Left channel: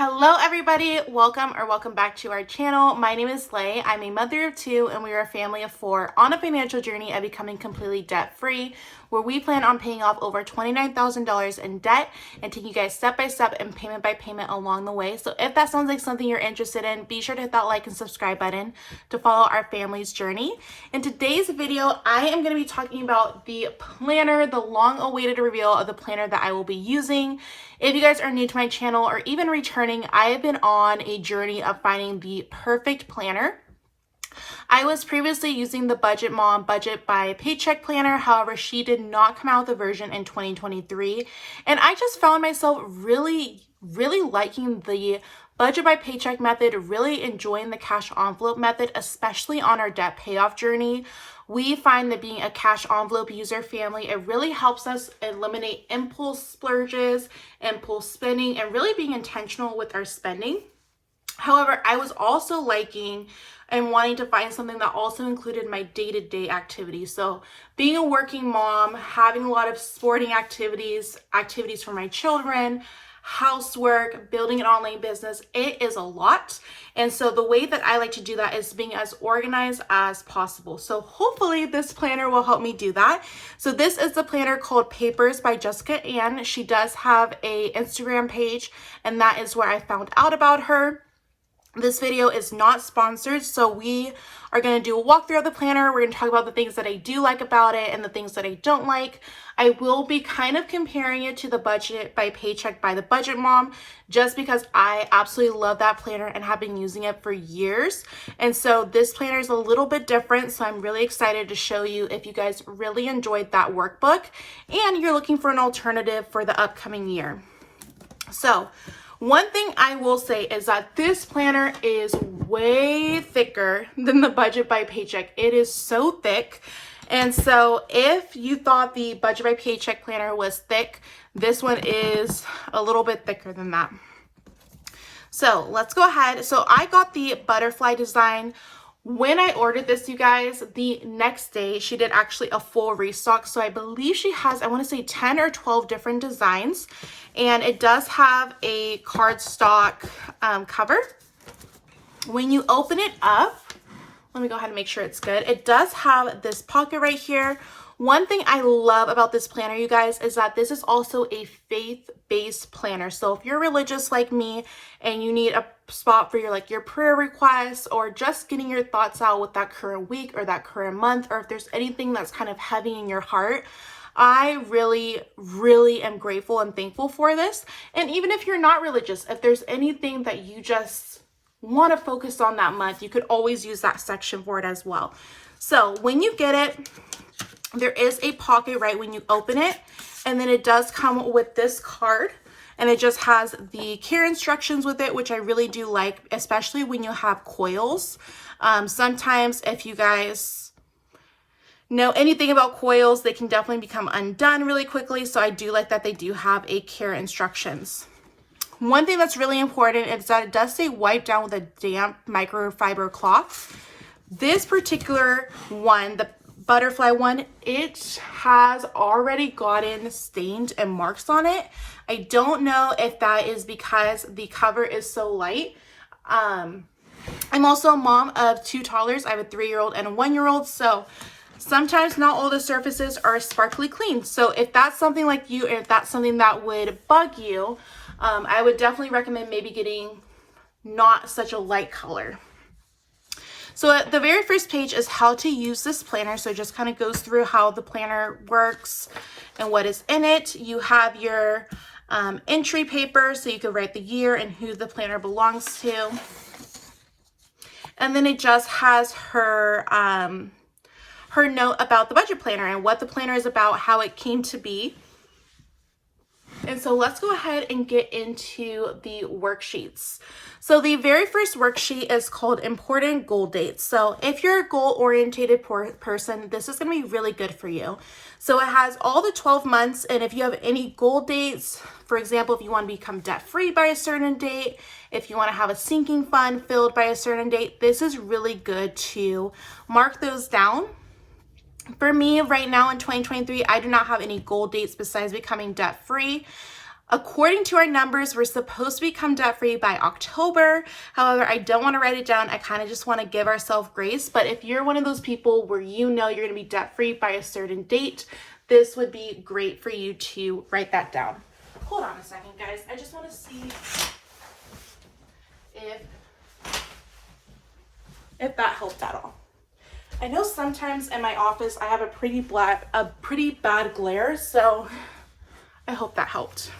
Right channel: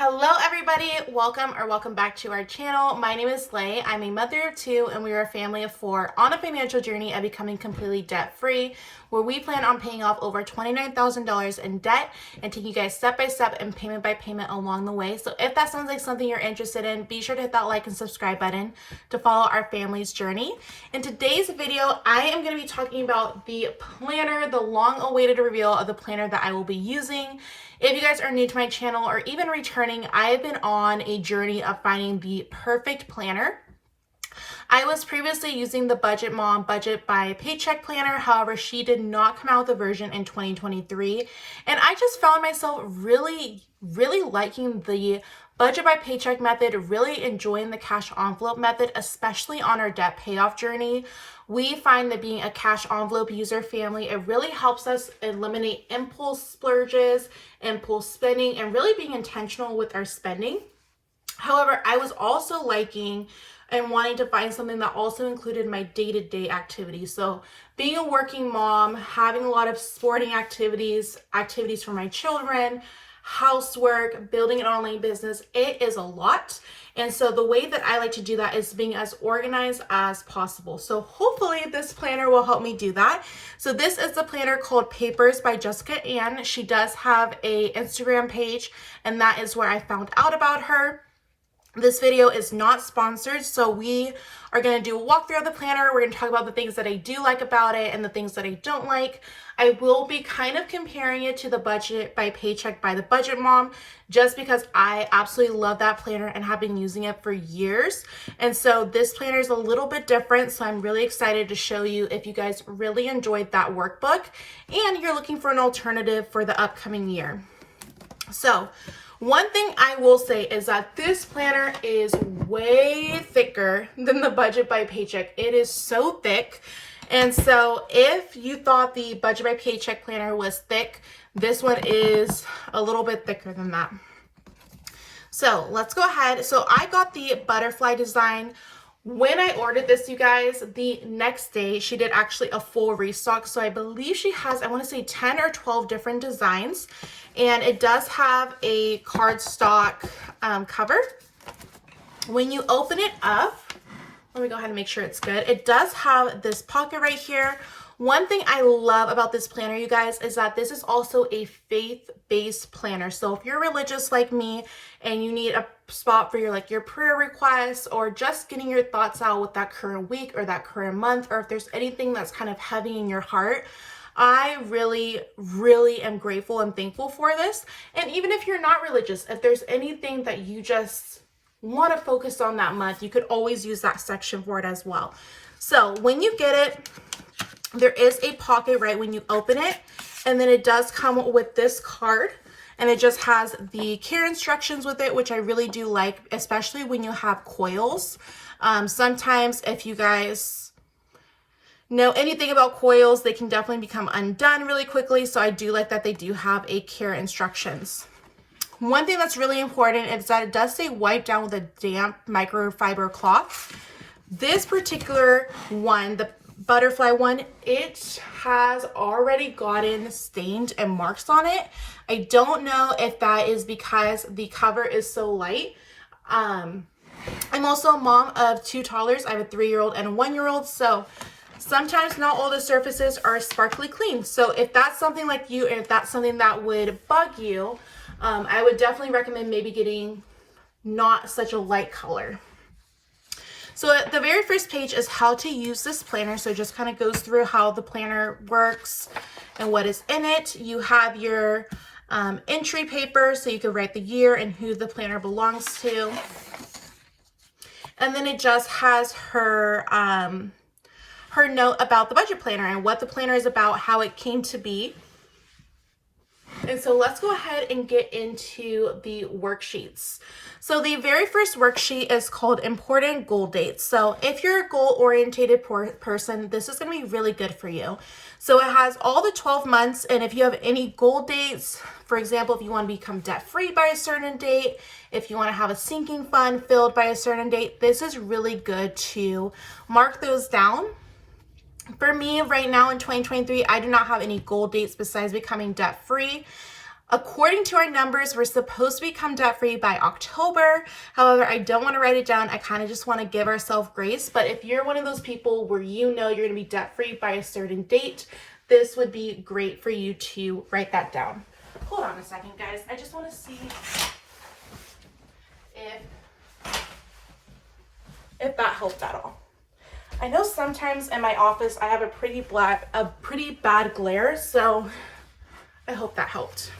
Hello everybody, welcome back to our channel. My name is Lay. I'm a mother of two and we are a family of four on a financial journey of becoming completely debt free, where we plan on paying off over $29,000 in debt and taking you guys step by step and payment by payment along the way. So if that sounds like something you're interested in, be sure to hit that like and subscribe button to follow our family's journey. In today's video, I am going to be talking about the planner, the long awaited reveal of the planner that I will be using. If you guys are new to my channel or even returning, I have been on a journey of finding the perfect planner. I was previously using the Budget Mom Budget by Paycheck planner. However, she did not come out with a version in 2023. And I just found myself really liking the Budget by Paycheck method, really enjoying the cash envelope method, especially on our debt payoff journey. We find that being a cash envelope user family, it really helps us eliminate impulse splurges, impulse spending, and really being intentional with our spending. However, I was also liking and wanting to find something that also included my day-to-day activities. So being a working mom, having a lot of sporting activities for my children, housework, building an online business, it is a lot. And so the way that I like to do that is being as organized as possible. So hopefully this planner will help me do that. So this is the planner called Papers by Jessica Ann. She does have a Instagram page, and that is where I found out about her. This video is not sponsored, so we are going to do a walkthrough of the planner. We're going to talk about the things that I do like about it and the things that I don't like. I will be kind of comparing it to the Budget by Paycheck by the Budget Mom, just because I absolutely love that planner and have been using it for years. And so this planner is a little bit different, so I'm really excited to show you if you guys really enjoyed that workbook and you're looking for an alternative for the upcoming year. So one thing I will say is that this planner is way thicker than the Budget by Paycheck. It is so thick. And so if you thought the Budget by Paycheck planner was thick, this one is a little bit thicker than that. So let's go ahead. So I got the butterfly design. When I ordered this, you guys, the next day she did actually a full restock. So I believe she has, I want to say 10 or 12 different designs. And it does have a cardstock cover. When you open it up, let me go ahead and make sure it's good. It does have this pocket right here. One thing I love about this planner, you guys, is that this is also a faith-based planner. So if you're religious like me and you need a spot for your prayer requests or just getting your thoughts out with that current week or that current month, or if there's anything that's kind of heavy in your heart, I really am grateful and thankful for this. And even if you're not religious, if there's anything that you just want to focus on that month, you could always use that section for it as well. So when you get it, there is a pocket right when you open it, and then it does come with this card, and it just has the care instructions with it, which I really do like, especially when you have coils. Sometimes if you guys know anything about coils, they can definitely become undone really quickly. So I do like that they do have a care instructions. One thing that's really important is that it does say wipe down with a damp microfiber cloth. This particular one, the butterfly one, it has already gotten stained and marks on it. I don't know if that is because the cover is so light. I'm also a mom of two toddlers. I have a 3-year-old and a 1-year-old. So sometimes not all the surfaces are sparkly clean. So if that's something like you, if that's something that would bug you, I would definitely recommend maybe getting not such a light color. So at the very first page is how to use this planner. So it just kind of goes through how the planner works and what is in it. You have your entry paper, so you can write the year and who the planner belongs to. And then it just has her her note about the budget planner and what the planner is about, how it came to be. And so let's go ahead and get into the worksheets. So the very first worksheet is called Important Goal Dates. So if you're a goal-oriented person, this is going to be really good for you. So it has all the 12 months, and if you have any goal dates, for example, if you want to become debt-free by a certain date, if you want to have a sinking fund filled by a certain date, this is really good to mark those down. For me right now in 2023, I do not have any goal dates besides becoming debt free. According to our numbers, we're supposed to become debt-free by October. However, I don't want to write it down. I kind of just want to give ourselves grace. But if you're one of those people where you know you're going to be debt-free by a certain date, this would be great for you to write that down. Hold on a second, guys. I just want to see if that helped at all. I know sometimes in my office I have a pretty bad glare, so I hope that helped.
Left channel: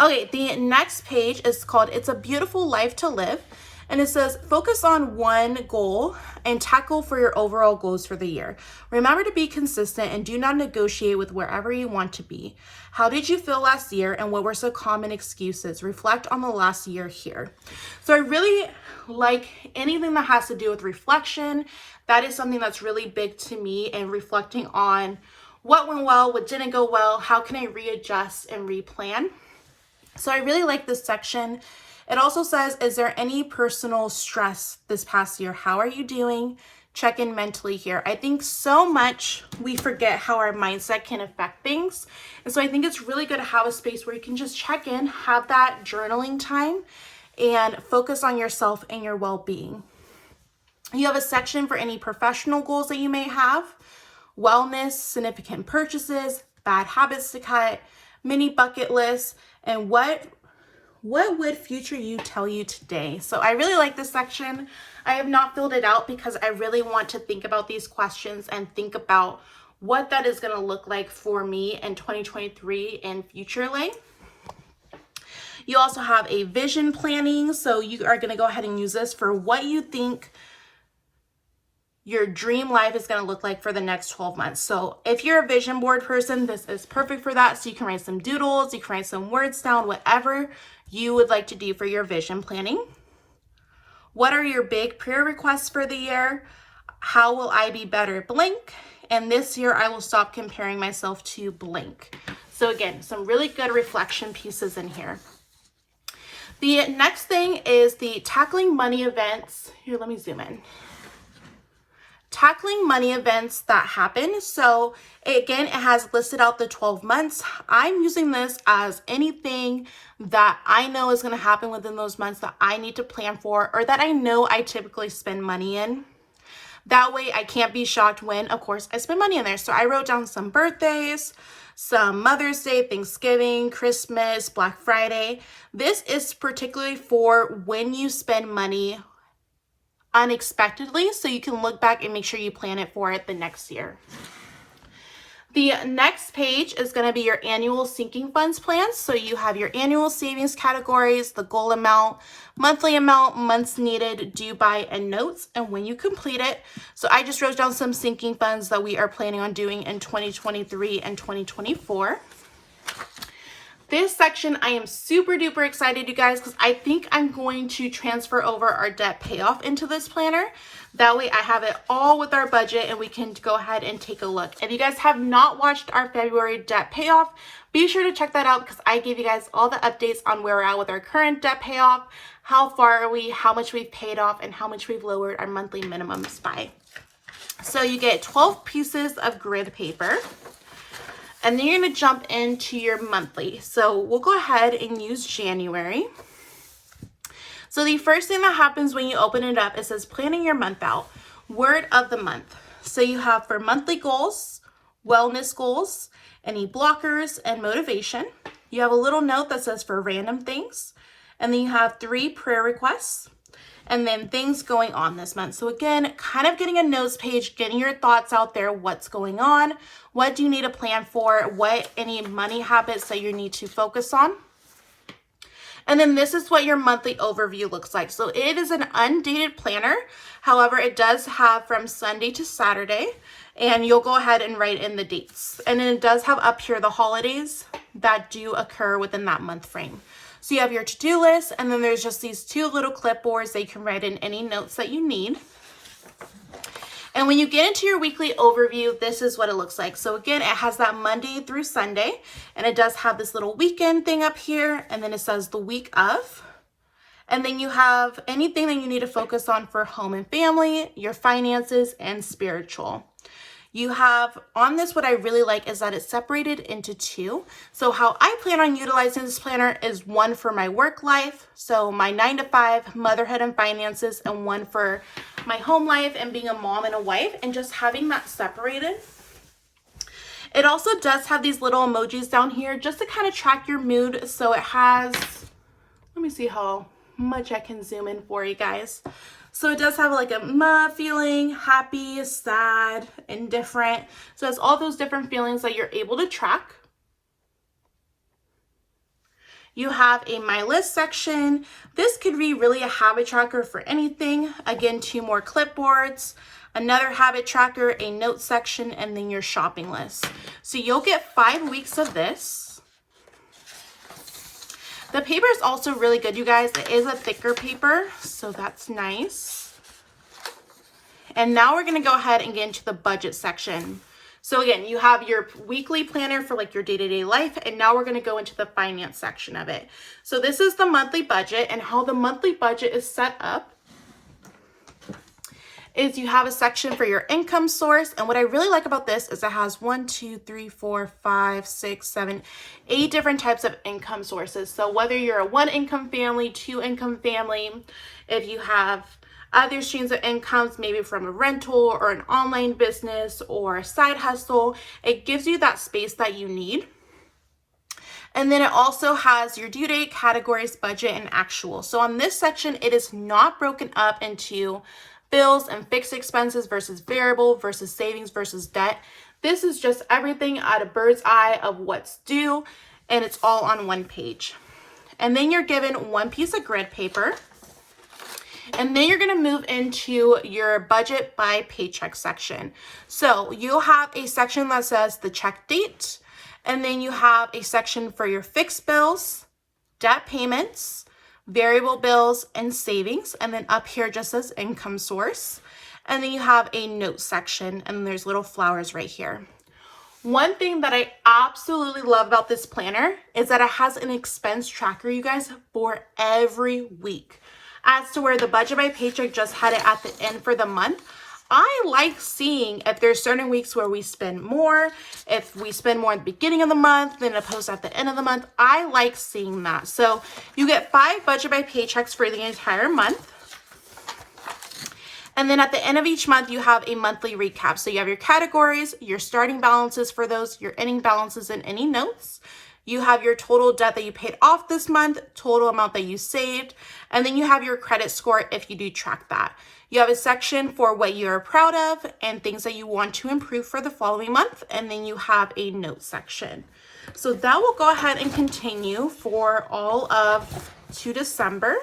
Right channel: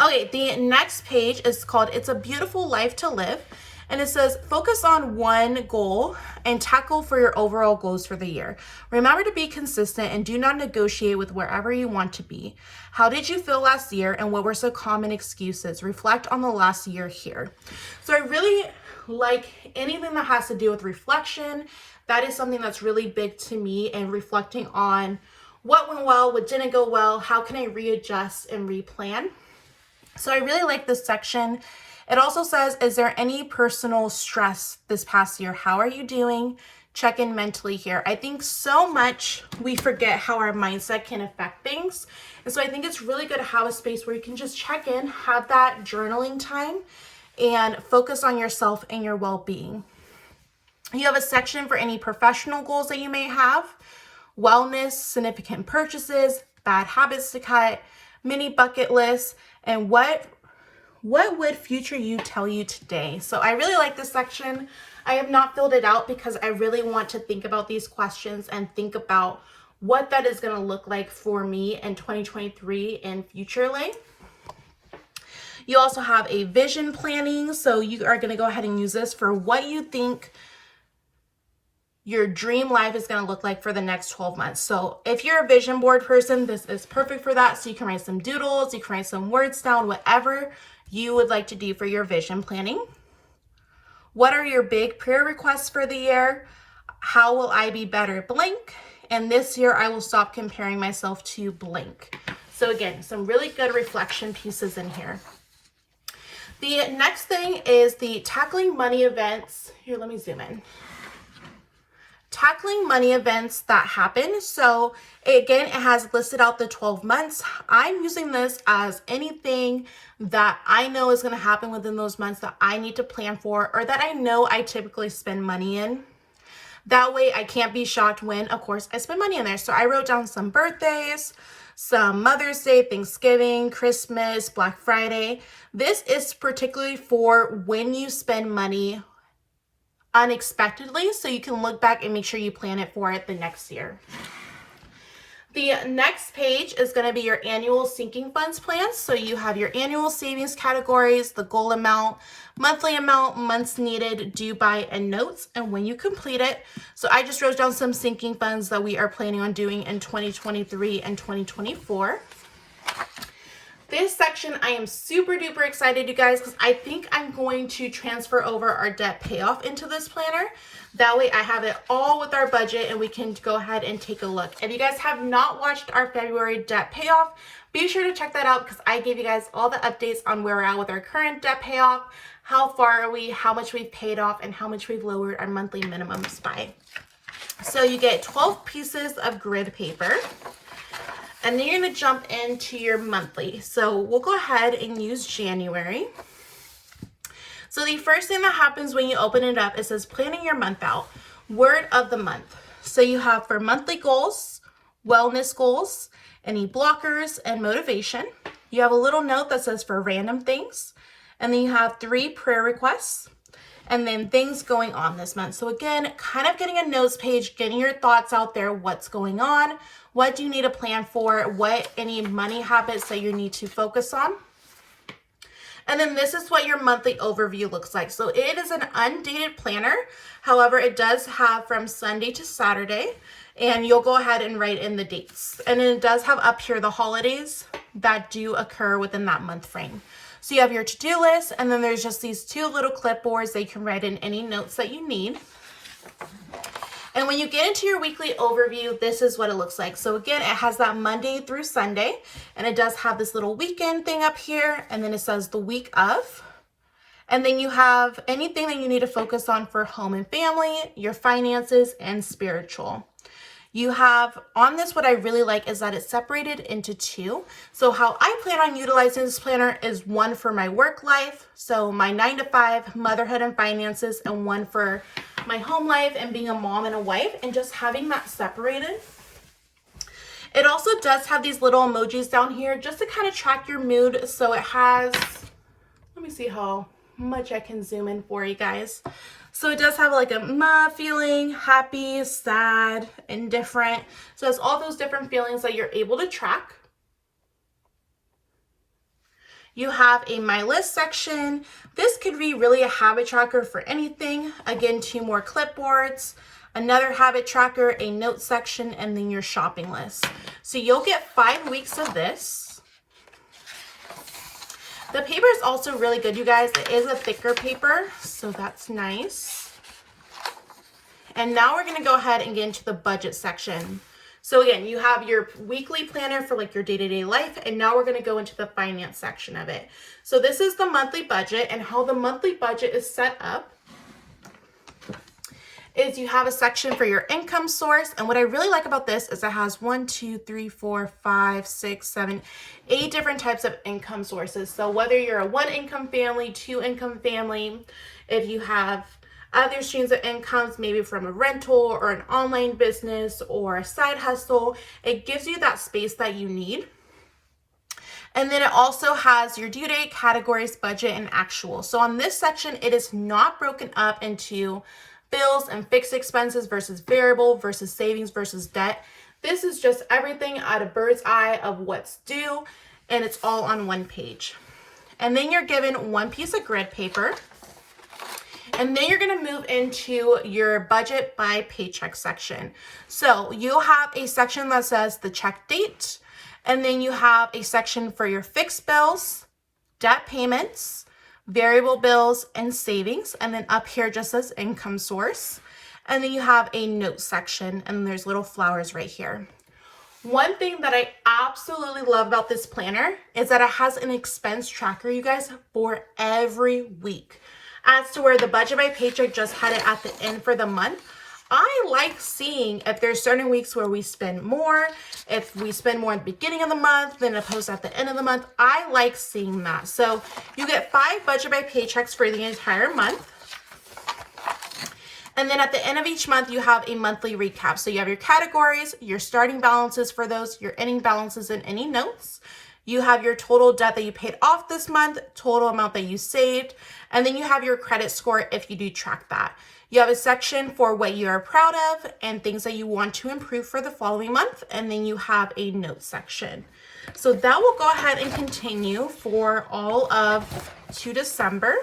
Okay, the next page is called It's a Beautiful Life to Live. And it says, focus on one goal and tackle for your overall goals for the year. Remember to be consistent and do not negotiate with wherever you want to be. How did you feel last year and what were some common excuses? Reflect on the last year here. So I really like anything that has to do with reflection. That is something that's really big to me, and reflecting on what went well, what didn't go well, how can I readjust and replan. So I really like this section. It also says, is there any personal stress this past year? How are you doing? Check in mentally here. I think so much we forget how our mindset can affect things. And so I think it's really good to have a space where you can just check in, have that journaling time, and focus on yourself and your well-being. You have a section for any professional goals that you may have, wellness, significant purchases, bad habits to cut, mini bucket lists, and what would future you tell you today? So I really like this section. I have not filled it out because I really want to think about these questions and think about what that is going to look like for me in 2023 and futurely. You also have a vision planning. So you are going to go ahead and use this for what you think your dream life is going to look like for the next 12 months. So if you're a vision board person, this is perfect for that. So you can write some doodles, you can write some words down, whatever you would like to do for your vision planning. What are your big prayer requests for the year? How will I be better blank? And this year I will stop comparing myself to blank. So again, some really good reflection pieces in here. The next thing is the tackling money events. Here, let me zoom in. Tackling money events that happen. So again, it has listed out the 12 months. I'm using this as anything that I know is going to happen within those months that I need to plan for, or that I know I typically spend money in. That way I can't be shocked when, of course, I spend money in there. So I wrote down some birthdays, some Mother's Day, Thanksgiving, Christmas, Black Friday. This is particularly for when you spend money unexpectedly, so you can look back and make sure you plan it for it the next year. The next page is going to be your annual sinking funds plan. So you have your annual savings categories, the goal amount, months needed, due by, and notes, and when you complete it. So I just wrote down some sinking funds that we are planning on doing in 2023 and 2024. This section, I am super duper excited, you guys, because I think I'm going to transfer over our debt payoff into this planner. That way I have it all with our budget and we can go ahead and take a look. If you guys have not watched our February debt payoff, be sure to check that out because I gave you guys all the updates on where we're at with our current debt payoff, how far are we, how much we've paid off, and how much we've lowered our monthly minimums by. So you get 12 pieces of grid paper. And then you're going to jump into your monthly. So we'll go ahead and use January. So the first thing that happens when you open it up, it says planning your month out, word of the month. So you have for monthly goals, wellness goals, any blockers, and motivation. You have a little note that says for random things. And then you have 3 prayer requests. And then things going on this month. So again, kind of getting a notes page, getting your thoughts out there, what's going on, what do you need to plan for, what any money habits that you need to focus on. And then this is what your monthly overview looks like. So it is an undated planner. However, it does have from Sunday to Saturday, and you'll go ahead and write in the dates. And then it does have up here the holidays that do occur within that month frame. So you have your to-do list, and then there's just these 2 little clipboards that you can write in any notes that you need. And when you get into your weekly overview, this is what it looks like. So again, it has that Monday through Sunday, and it does have this little weekend thing up here, and then it says the week of. And then you have anything that you need to focus on for home and family, your finances, and spiritual. You have on this, what I really like is that it's separated into two. So how I plan on utilizing this planner is one for my work life, so my 9 to 5, motherhood and finances, and one for my home life and being a mom and a wife, and just having that separated. It also does have these little emojis down here just to kind of track your mood. So it has, let me see how much I can zoom in for you guys. So it does have like a feeling, happy, sad, indifferent. So it's all those different feelings that you're able to track. You have a My List section. This could be really a habit tracker for anything. Again, 2 more clipboards, another habit tracker, a note section, and then your shopping list. So you'll get 5 weeks of this. The paper is also really good, you guys. It is a thicker paper, so that's nice. And now we're going to go ahead and get into the budget section. So again, you have your weekly planner for like your day-to-day life, and now we're going to go into the finance section of it. So this is the monthly budget, and how the monthly budget is set up is you have a section for your income source. And what I really like about this is it has 1, 2, 3, 4, 5, 6, 7, 8 different types of income sources. So whether you're a 1 income family, 2 income family, if you have other streams of incomes, maybe from a rental or an online business or a side hustle, it gives you that space that you need. And then it also has your due date, categories, budget, and actual. So on this section, it is not broken up into bills and fixed expenses versus variable versus savings versus debt. This is just everything at a bird's eye of what's due, and it's all on one page. And then you're given 1 piece of grid paper. And then you're going to move into your budget by paycheck section. So you'll have a section that says the check date, and then you have a section for your fixed bills, debt payments, variable bills, and savings. And then up here just says income source. And then you have a note section, and there's little flowers right here. One thing that I absolutely love about this planner is that it has an expense tracker, you guys, for every week. As to where the budget by paycheck just had it at the end for the month, I like seeing if there's certain weeks where we spend more, if we spend more at the beginning of the month than opposed at the end of the month. I like seeing that. So you get 5 budget by paychecks for the entire month. And then at the end of each month, you have a monthly recap. So you have your categories, your starting balances for those, your ending balances, and any notes. You have your total debt that you paid off this month, total amount that you saved, and then you have your credit score if you do track that. You have a section for what you are proud of and things that you want to improve for the following month, and then you have a note section. So that will go ahead and continue for all of to December.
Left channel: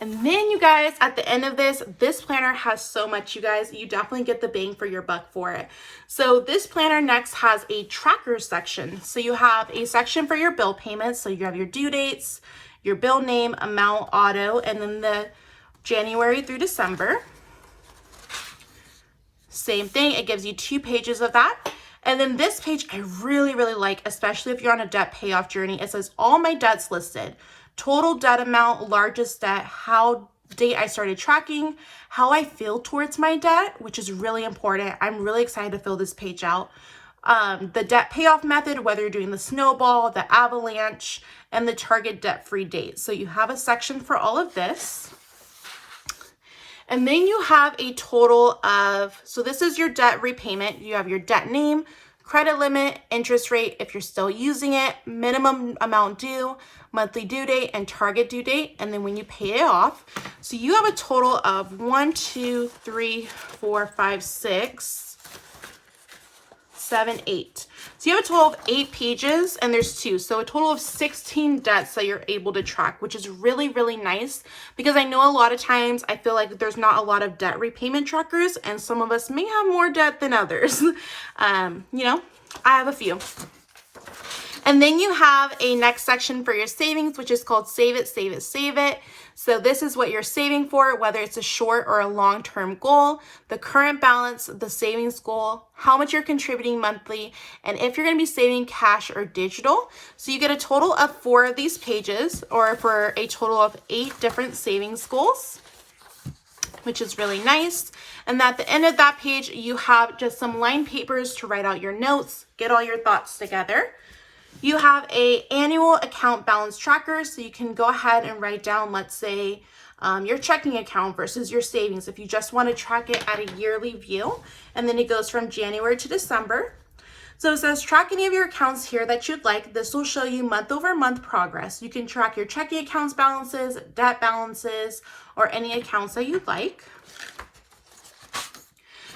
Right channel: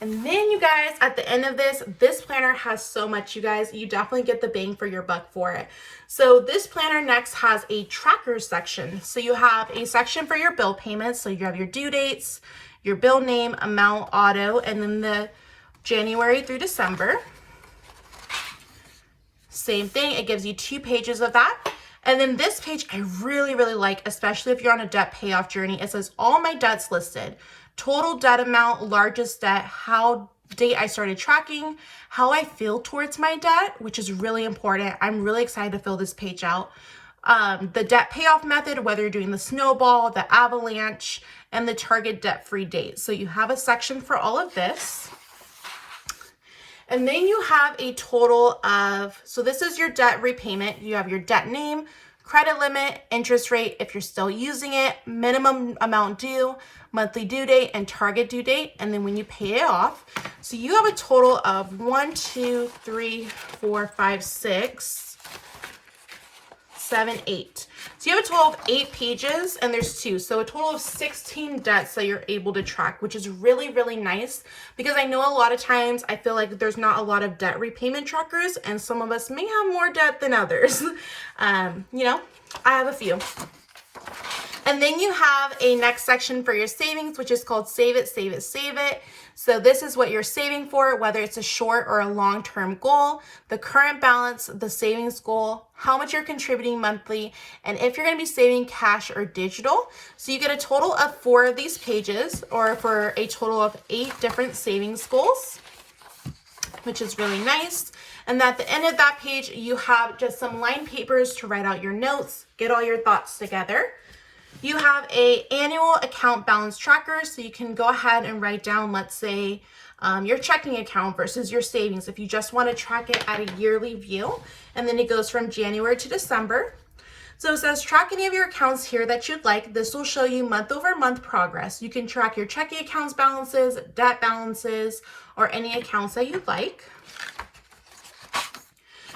And then you guys, at the end of this planner has so much, you guys. You definitely get the bang for your buck for it. So this planner next has a tracker section. So you have a section for your bill payments. So you have your due dates, your bill name, amount, auto, and then the January through December. Same thing, it gives you 2 pages of that. And then this page I really, really like, especially if you're on a debt payoff journey. It says all my debts listed. Total debt amount, largest debt, how date I started tracking, how I feel towards my debt, which is really important. I'm really excited to fill this page out. The debt payoff method, whether you're doing the snowball, the avalanche, and the target debt-free date. So you have a section for all of this. And then you have a total of, so this is your debt repayment. You have your debt name, credit limit, interest rate if you're still using it, minimum amount due, monthly due date, and target due date, and then when you pay it off. So you have a total of 1, 2, 3, 4, 5, 6, 7, 8. So you have a total of 8 pages, and there's 2. So a total of 16 debts that you're able to track, which is really, really nice, because I know a lot of times I feel like there's not a lot of debt repayment trackers, and some of us may have more debt than others. You know, I have a few. And then you have a next section for your savings, which is called Save It, Save It, Save It. So this is what you're saving for, whether it's a short or a long-term goal, the current balance, the savings goal, how much you're contributing monthly, and if you're going to be saving cash or digital. So you get a total of 4 of these pages, or for a total of 8 different savings goals. which is really nice. And at the end of that page, you have just some lined papers to write out your notes, get all your thoughts together. You have a annual account balance tracker, so you can go ahead and write down, let's say, your checking account versus your savings if you just want to track it at a yearly view. And then it goes from January to December. So it says track any of your accounts here that you'd like. This will show you month over month progress. You can track your checking accounts balances, debt balances, or any accounts that you'd like.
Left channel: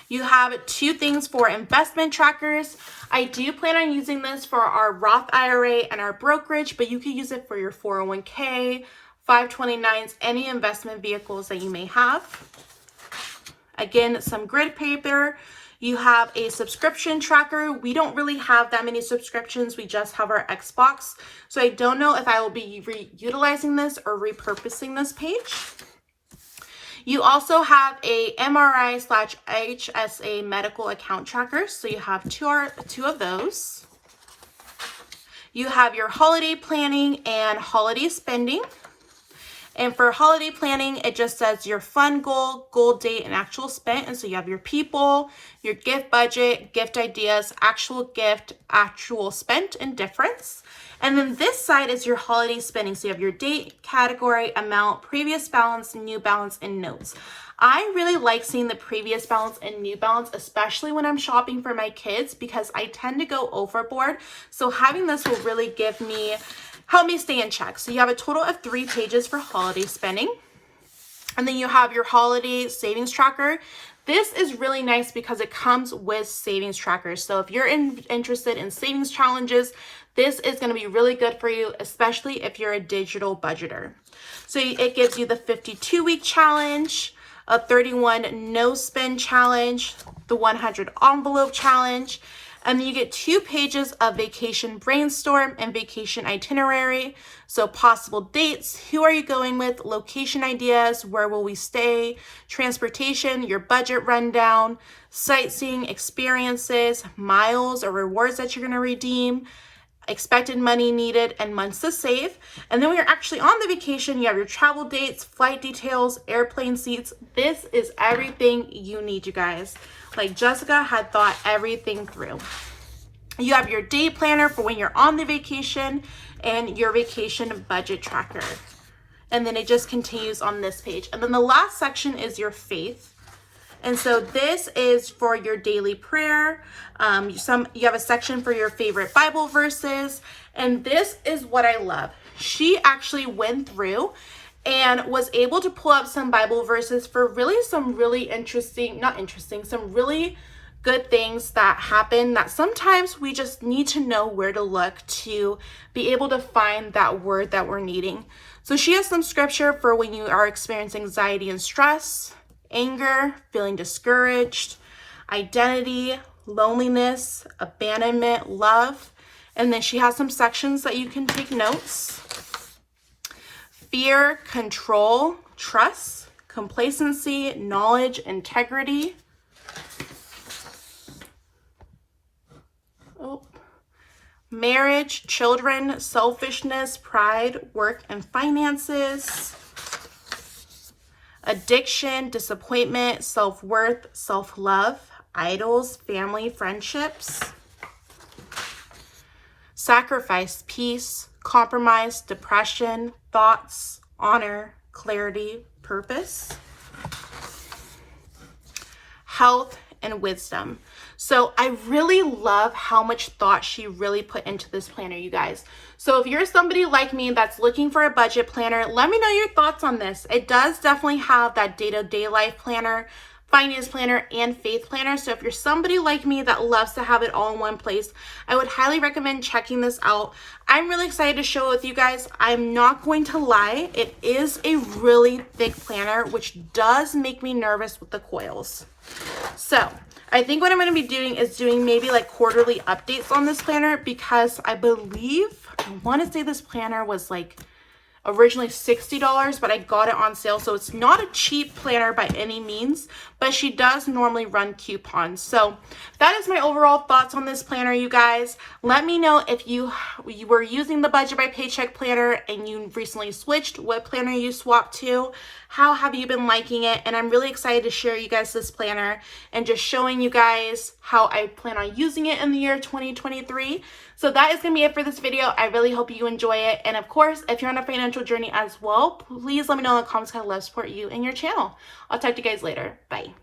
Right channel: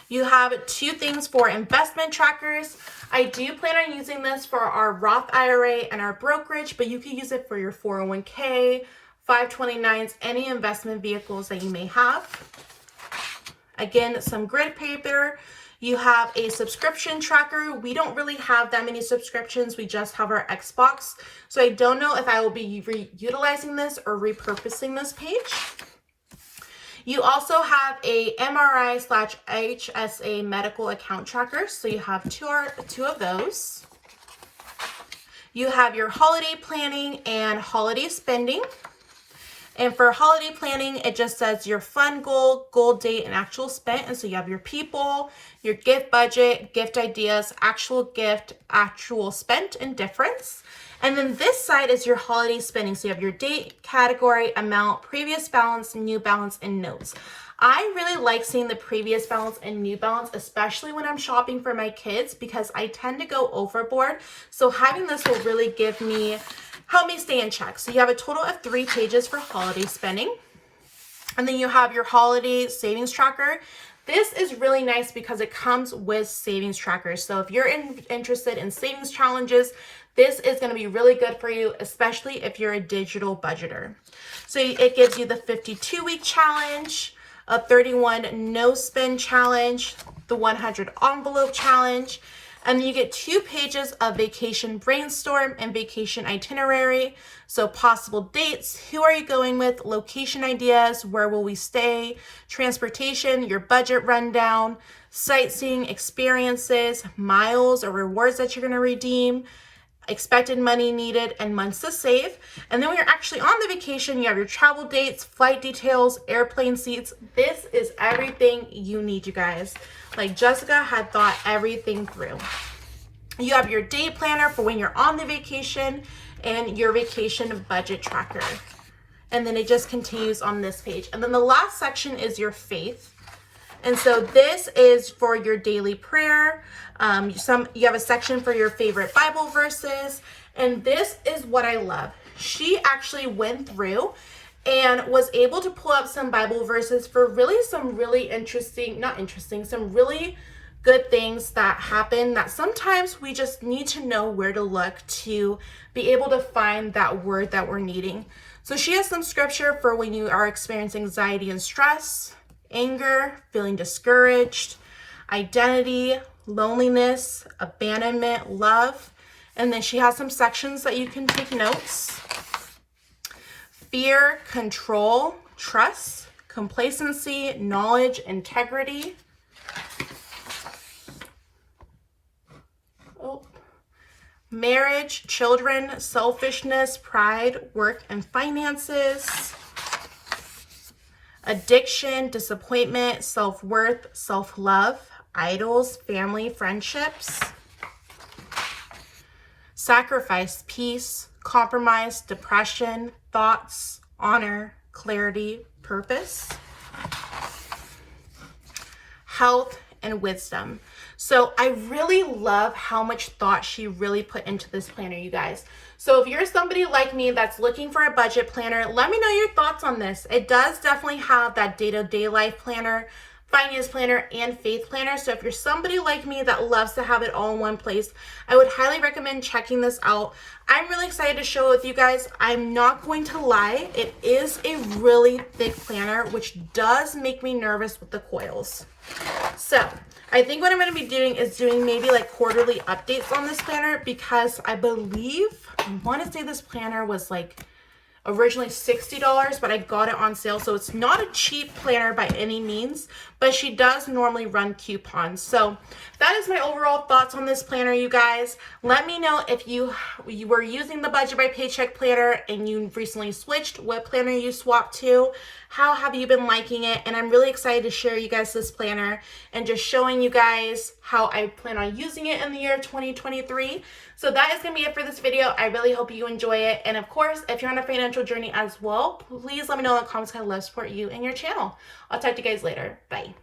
You have 2 things for investment trackers. I do plan on using this for our Roth IRA and our brokerage, but you can use it for your 401k, 529s, any investment vehicles that you may have. Again, some grid paper. You have a subscription tracker. We don't really have that many subscriptions. We just have our Xbox. So I don't know if I will be utilizing this or repurposing this page. You also have a MRI/HSA medical account tracker. So you have two of those. You have your holiday planning and holiday spending. And for holiday planning, it just says your fun goal date, and actual spent. And so you have your people, your gift budget, gift ideas, actual gift, actual spent, and difference. And then this side is your holiday spending. So you have your date, category, amount, previous balance, new balance, and notes. I really like seeing the previous balance and new balance, especially when I'm shopping for my kids, because I tend to go overboard. So having this will really help me stay in check. So you have a total of 3 pages for holiday spending. And then you have your holiday savings tracker. This is really nice because it comes with savings trackers. So if you're interested in savings challenges, this is going to be really good for you, especially if you're a digital budgeter. So it gives you the 52-week challenge, a 31 no spend challenge, the 100 envelope challenge, and then you get 2 pages of vacation brainstorm and vacation itinerary. So possible dates, who are you going with, location ideas, where will we stay, transportation, your budget rundown, sightseeing experiences, miles or rewards that you're going to redeem, expected money needed, and months to save. And then when you're actually on the vacation, you have your travel dates, flight details, airplane seats. This is everything you need, you guys. Like Jessica had thought everything through. You have your day planner for when you're on the vacation and your vacation budget tracker. And then it just continues on this page. And then the last section is your faith. And so this is for your daily prayer. You have a section for your favorite Bible verses. And this is what I love. She actually went through and was able to pull up some Bible verses for really some really some really good things that happen, that sometimes we just need to know where to look to be able to find that word that we're needing. So she has some scripture for when you are experiencing anxiety and stress, anger, feeling discouraged, identity, loneliness, abandonment, love. And then she has some sections that you can take notes. Fear, control, trust, complacency, knowledge, integrity. Marriage, children, selfishness, pride, work and finances. Addiction, disappointment, self-worth, self-love, idols, family, friendships. Sacrifice, peace, compromise, depression, thoughts, honor, clarity, purpose. Health and wisdom. So I really love how much thought she really put into this planner, you guys. So if you're somebody like me that's looking for a budget planner, let me know your thoughts on this. It does definitely have that day-to-day life planner, finance planner, and faith planner. So if you're somebody like me that loves to have it all in one place, I would highly recommend checking this out. I'm really excited to share it with you guys. I'm not going to lie, it is a really thick planner, which does make me nervous with the coils. So I think what I'm going to be doing is doing maybe like quarterly updates on this planner, because I want to say this planner was like originally $60, but I got it on sale. So it's not a cheap planner by any means, but she does normally run coupons. So that is my overall thoughts on this planner, you guys. Let me know if you were using the Budget by Paycheck planner and you recently switched, what planner you swapped to. How have you been liking it? And I'm really excited to share you guys this planner and just showing you guys how I plan on using it in the year 2023. So that is going to be it for this video. I really hope you enjoy it. And of course, if you're on a financial journey as well, please let me know in the comments. I'd love to support you and your channel. I'll talk to you guys later. Bye.